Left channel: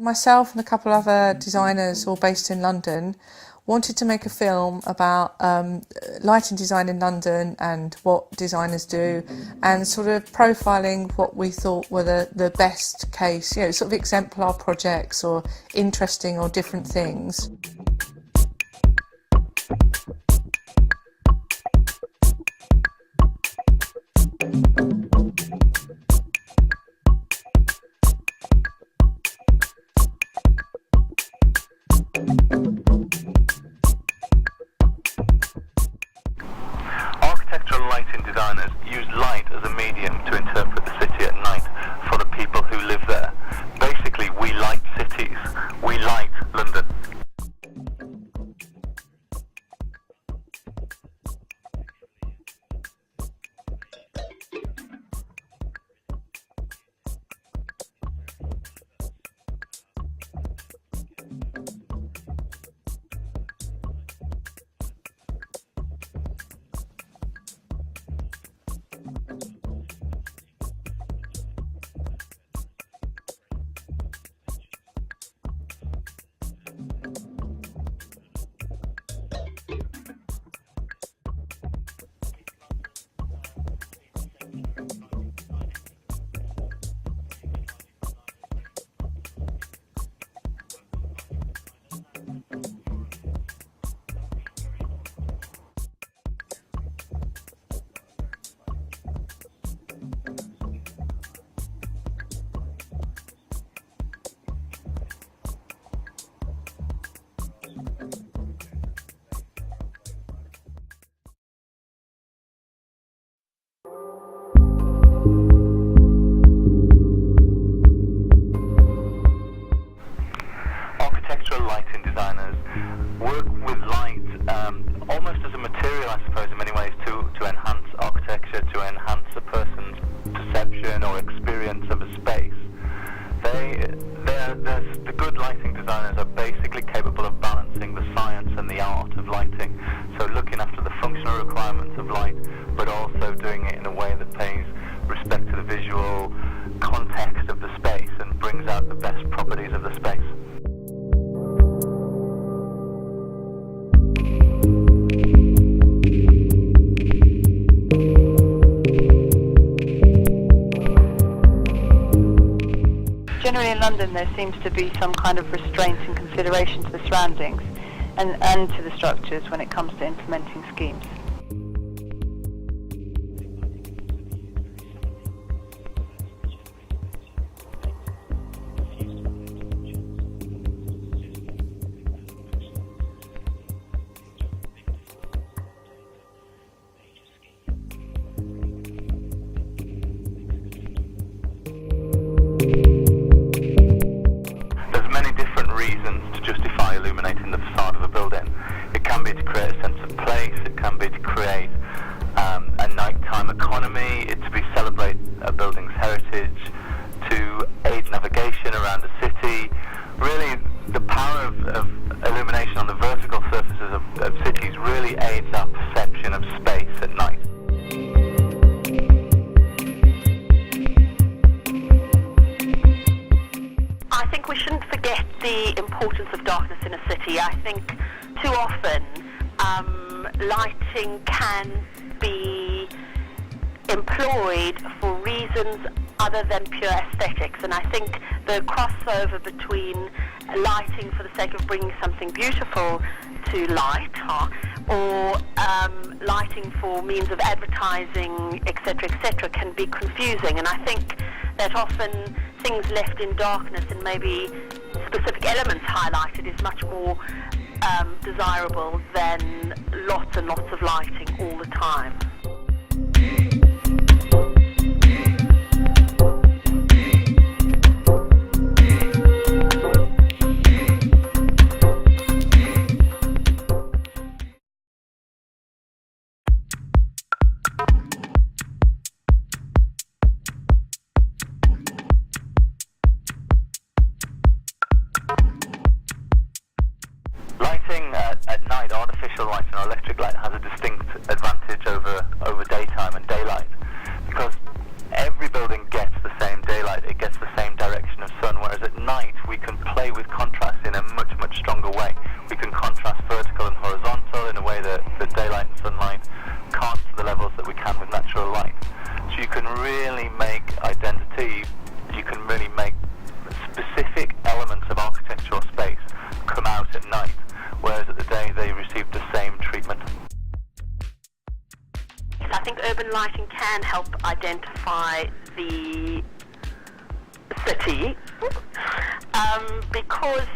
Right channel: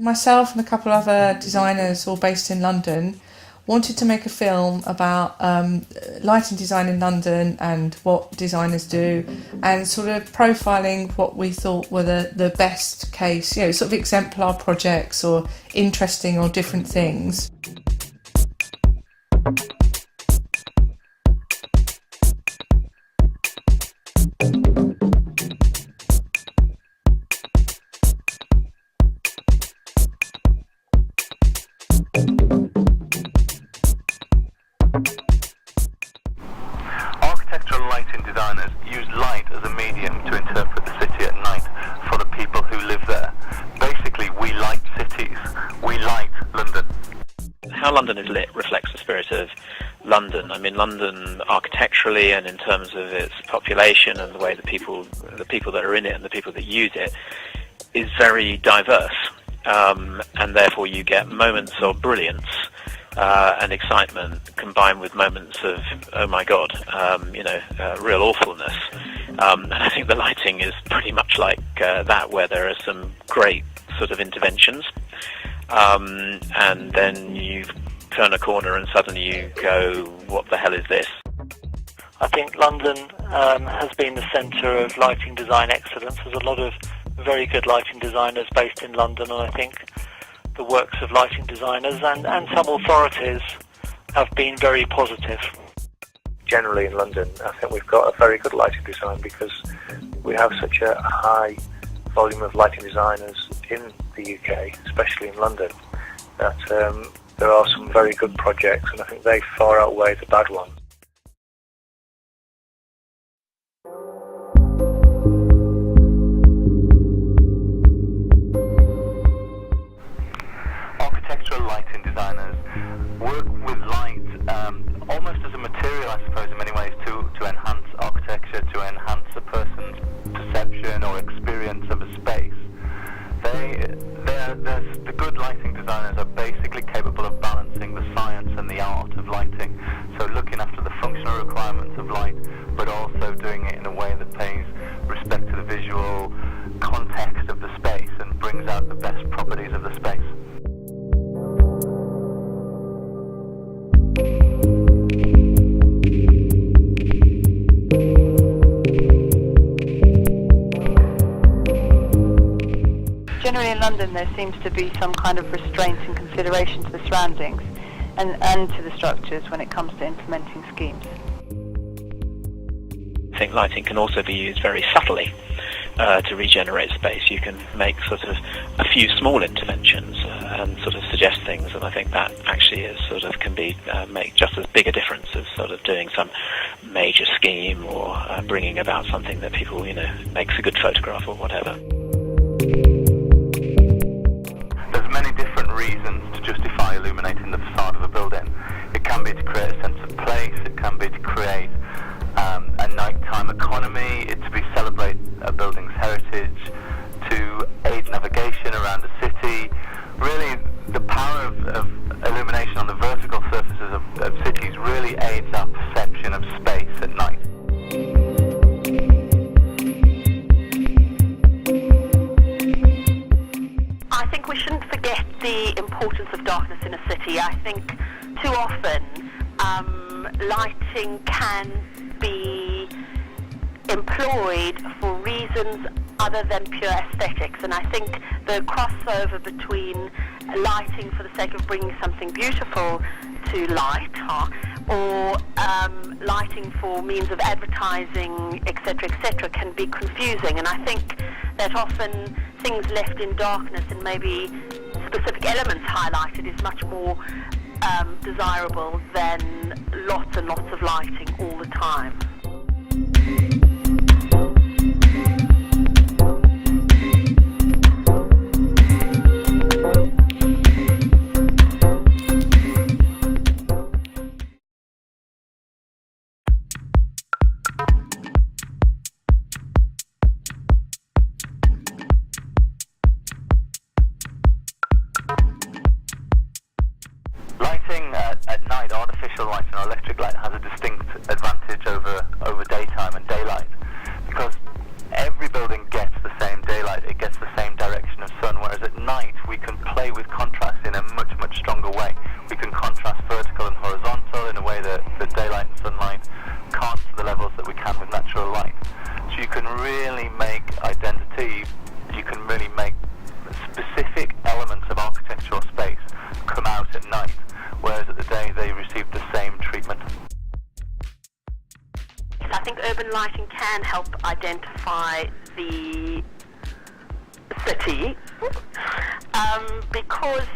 Myself and a couple of other designers, all based in London, wanted to make a film about lighting design in London and what designers do, and sort of profiling what we thought were the best case, sort of exemplar projects or interesting or different things. Architectural lighting designers use light as a medium to interpret the city at night for the people who live there. Basically, we light cities. We light London. How London is lit reflects the spirit of London. I mean, London architecturally and in terms of its population and the way that the people that are in it and the people that use it is very diverse. And therefore you get moments of brilliance and excitement combined with moments of, oh my God, real awfulness. And I think the lighting is pretty much like that, where there are some great sort of interventions. And then you turn a corner and suddenly you go, what the hell is this? I think London has been the centre of lighting design excellence. There's a lot of very good lighting designers based in London, and I think the works of lighting designers and some authorities have been very positive. Generally in London, I think we've got a very good lighting design because we have such a high volume of lighting designers in the UK, especially in London, that there are some very good projects, and I think they far outweigh the bad ones. Architectural lighting designers work with light almost as a material, I suppose, in many ways, to enhance architecture, to enhance a person's perception or experience of a space. The good lighting designers are basically capable of balancing the science and the art of lighting, so looking after the functional requirements of light, but also doing it in a way that pays respect to the visual context of the space and brings out the best properties of the space. Generally in London there seems to be some kind of restraint and consideration to the surroundings and to the structures when it comes to implementing schemes. I think lighting can also be used very subtly to regenerate space. You can make sort of a few small interventions and sort of suggest things, and I think that actually is sort of can be make just as big a difference as sort of doing some major scheme or bringing about something that people makes a good photograph or whatever. There's many different reasons to justify illuminating the facade of a building. It can be to create a sense of place, it can be to create a nighttime economy, it to be celebrate a building's heritage, to aid navigation around a city. Really, the power of illumination on the vertical surfaces of cities really aids our perception of space at night. I think we shouldn't forget the importance of darkness in a city. I think too often lighting can be employed for reasons other than pure aesthetics, and I think the crossover between lighting for the sake of bringing something beautiful to light or lighting for means of advertising, etc., can be confusing, and I think that often things left in darkness and maybe specific elements highlighted is much more desirable than lots and lots of lighting all the time. Lighting at night, artificial lighting or electric light, has a distinct advantage over daytime and daylight, because every building gets the same daylight, it gets the same direction of sun, whereas at night we can really make identity, you can really make specific elements of architectural space come out at night, whereas at the day they receive the same treatment. I think urban lighting can help identify the city because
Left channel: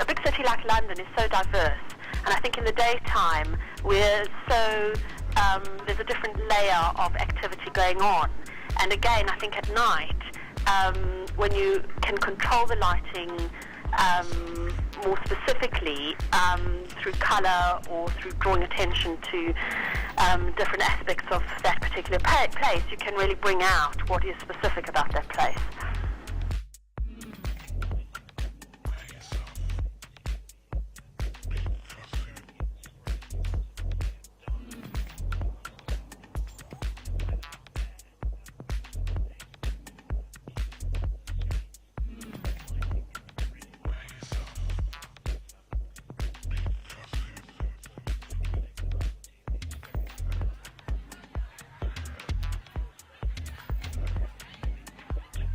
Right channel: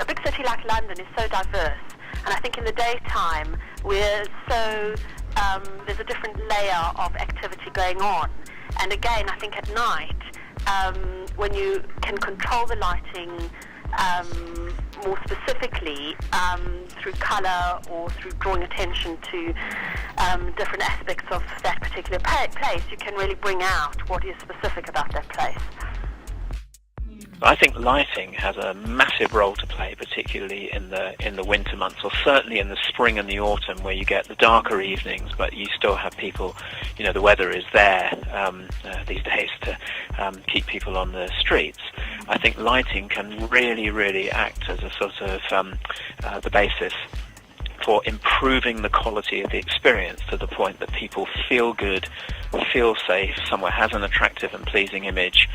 a big city like London is so diverse, and I think in the daytime we're so there's a different layer of activity going on, and again I think at night when you can control the lighting more specifically through colour or through drawing attention to different aspects of that particular place, you can really bring out what is specific about that place. I think lighting has a massive role to play, particularly in the winter months, or certainly in the spring and the autumn, where you get the darker evenings, but you still have people. The weather is there these days to keep people on the streets. I think lighting can really, really act as a sort of the basis for improving the quality of the experience to the point that people feel good, feel safe, somewhere has an attractive and pleasing image,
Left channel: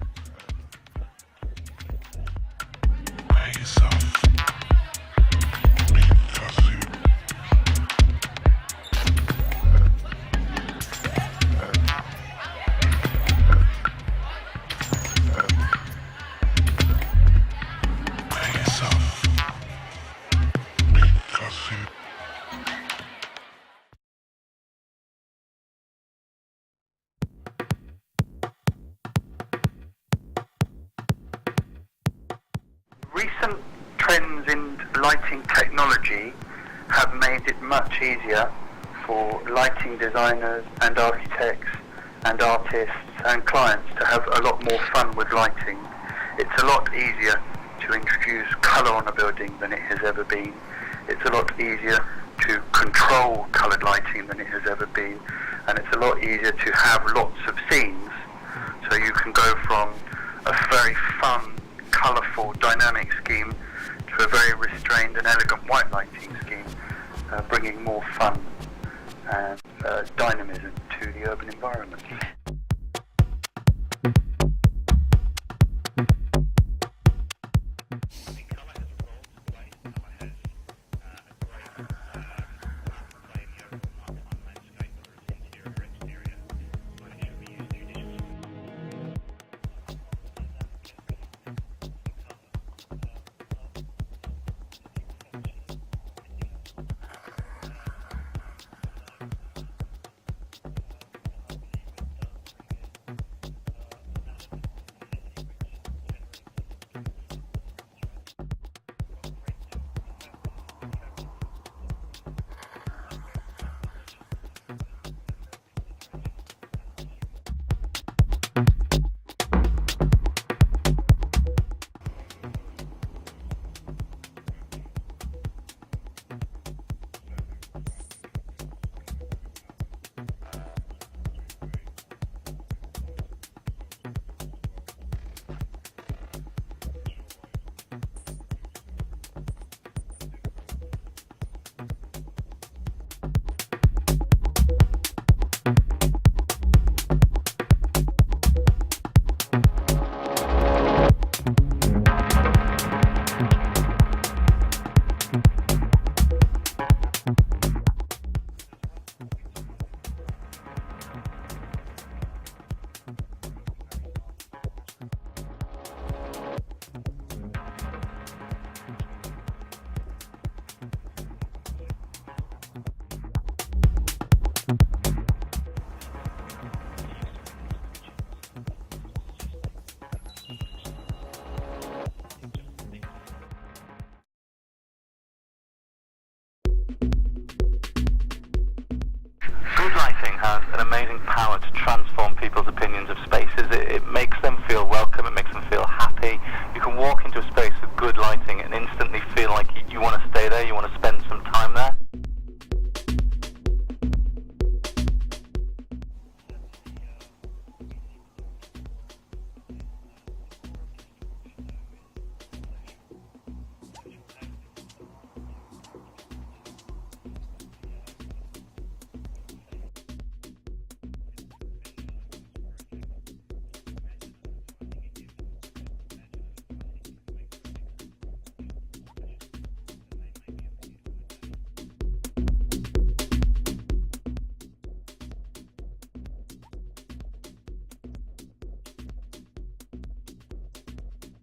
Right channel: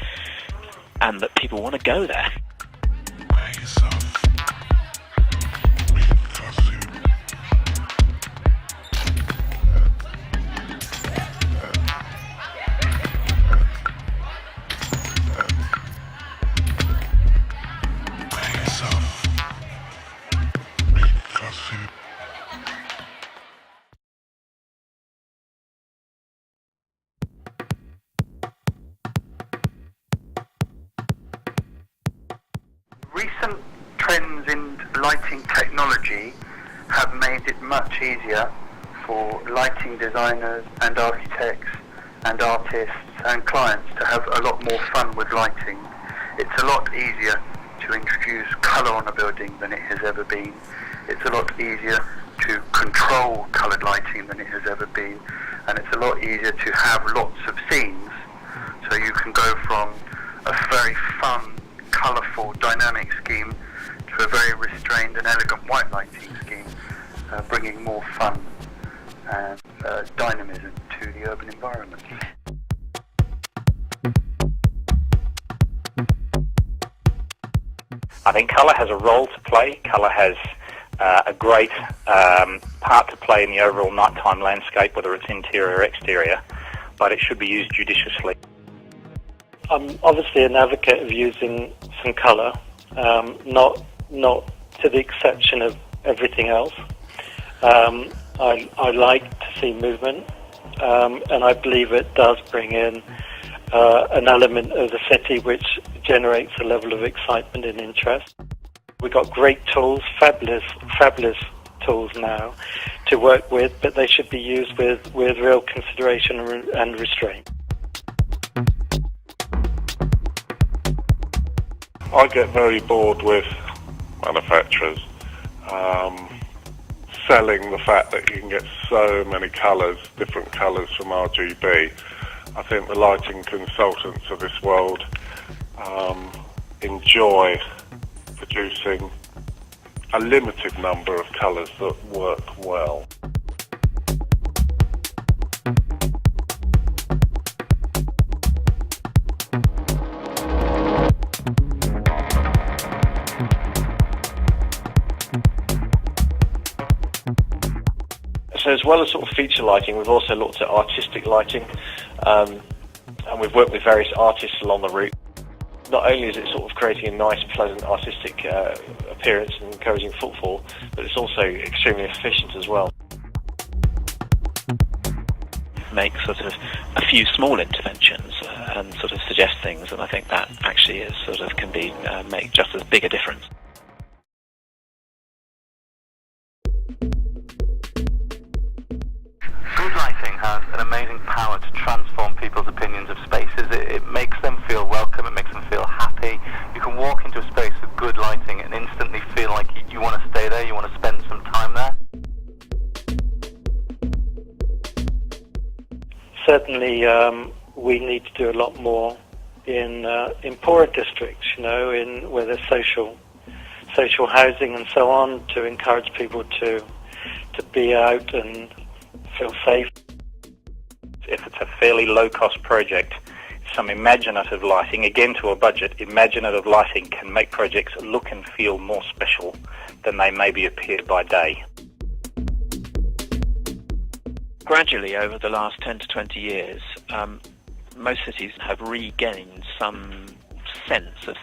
and that people want to go there. Recent trends in lighting technology have made it much easier for lighting designers and architects and artists and clients to have a lot more fun with lighting. It's a lot easier to introduce colour on a building than it has ever been. It's a lot easier to control coloured lighting than it has ever been, and it's a lot easier to have lots of scenes, so you can go from a very fun, colourful, dynamic scheme to a very restrained and elegant white lighting scheme, bringing more fun and dynamism to the urban environment. I think colour has a role to play. Colour has a great part to play in the overall nighttime landscape, whether it's interior or exterior, but it should be used judiciously. I'm obviously an advocate of using some colour, not to the exception of everything else. I like to see movement, and I believe it does bring in an element of the city which generates a level of excitement and interest. We've got great tools, fabulous tools now to work with, but they should be used with real consideration and restraint. I get very bored with manufacturers selling the fact that you can get so many colours, different colours from RGB. I think the lighting consultants of this world enjoy producing a limited number of colours that work well. So as well as sort of feature lighting, we've also looked at artistic lighting, and we've worked with various artists along the route. Not only is it sort of creating a nice, pleasant artistic appearance and encouraging footfall, but it's also extremely efficient as well. Make sort of a few small interventions and sort of suggest things, and I think that actually is sort of can be make just as big a difference. Good lighting has an amazing power to transform people's opinions of spaces. It makes them feel welcome, it makes them feel happy. You can walk into a space with good lighting and instantly feel like you want to stay there, you want to spend some time there. Certainly, we need to do a lot more in poorer districts, in where there's social housing and so on, to encourage people to be out and feel safe. If it's a fairly low-cost project, some imaginative lighting, again to a budget, imaginative lighting can make projects look and feel more special than they maybe appear by day. Gradually, over the last 10 to 20 years, most cities have regained some sense of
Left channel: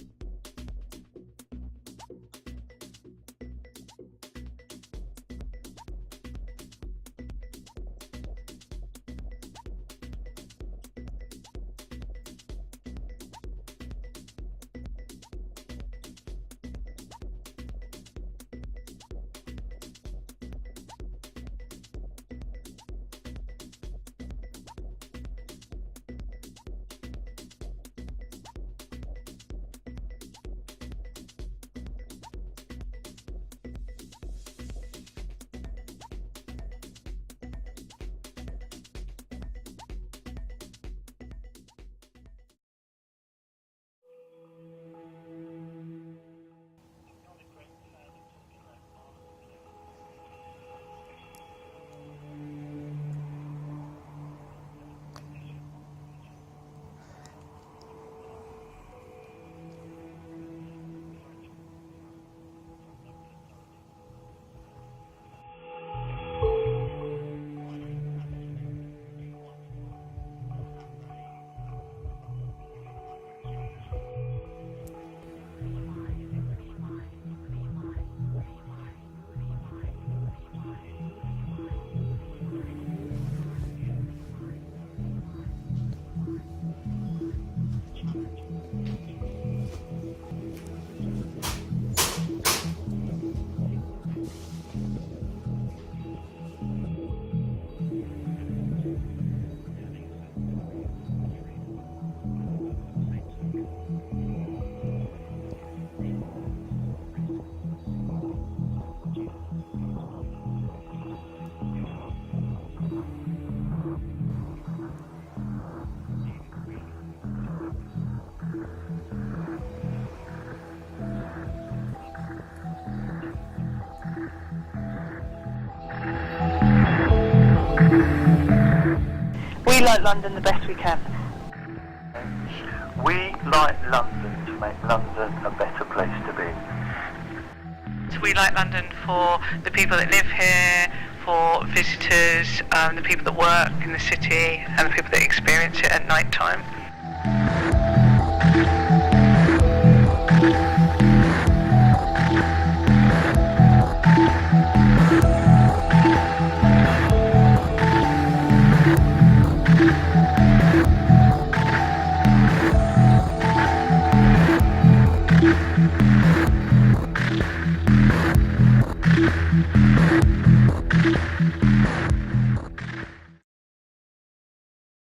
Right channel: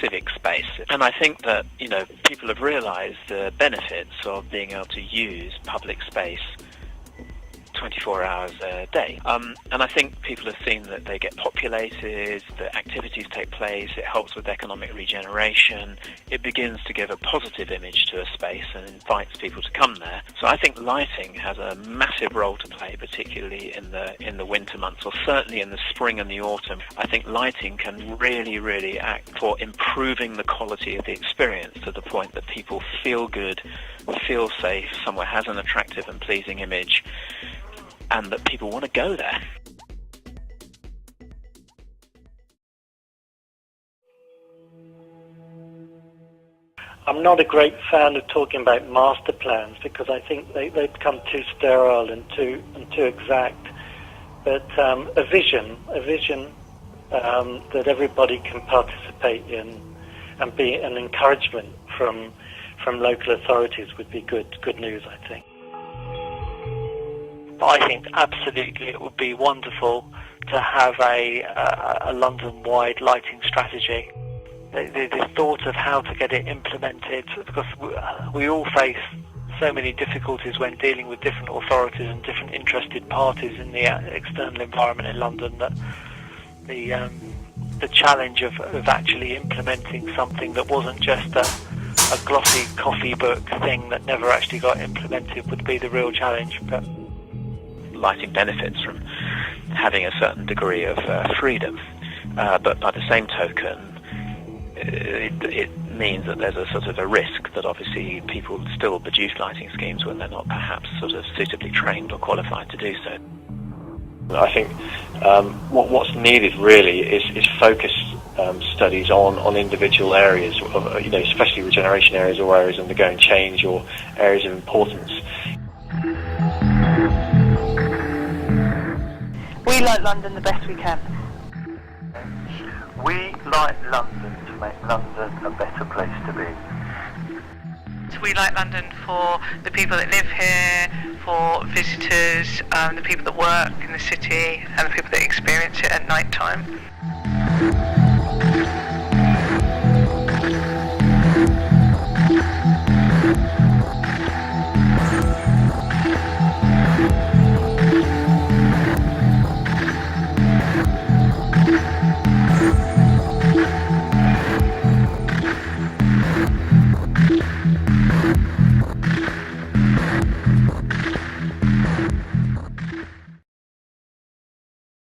civic space. And I think that, people have realised the benefits of being able to use public space 24 hours a day. And I think people have seen that they get populated, that activities take place, it helps with economic regeneration, it begins to give a positive image to a space and invites people to come there. So I think lighting has a massive role to play, particularly in the winter months, or certainly in the spring and the autumn. I think lighting can really act for improving the quality of the experience to the point that people feel good, feel safe, somewhere has an attractive and pleasing image, and that people want to go there. I'm not a great fan of talking about master plans because I think they become too sterile and too exact. But a vision that everybody can participate in and be an encouragement from local authorities would be good news, I think. I think absolutely it would be wonderful to have a London-wide lighting strategy. The thought of how to get it implemented, because we all face so many difficulties when dealing with different authorities and different interested parties in the external environment in London, that the challenge of actually implementing something that wasn't just a glossy coffee book thing that never actually got implemented would be the real challenge. But lighting benefits from having a certain degree of freedom, but by the same token, it means that there's a sort of a risk that obviously people still produce lighting schemes when they're not perhaps sort of suitably trained or qualified to do so. I think what's needed really is focused studies on individual areas, especially regeneration areas or areas undergoing change or areas of importance. We like London the best we can. We like London to make London a better place to be. We like London for the people that live here, for visitors, the people that work in the city, and the people that experience it at night time.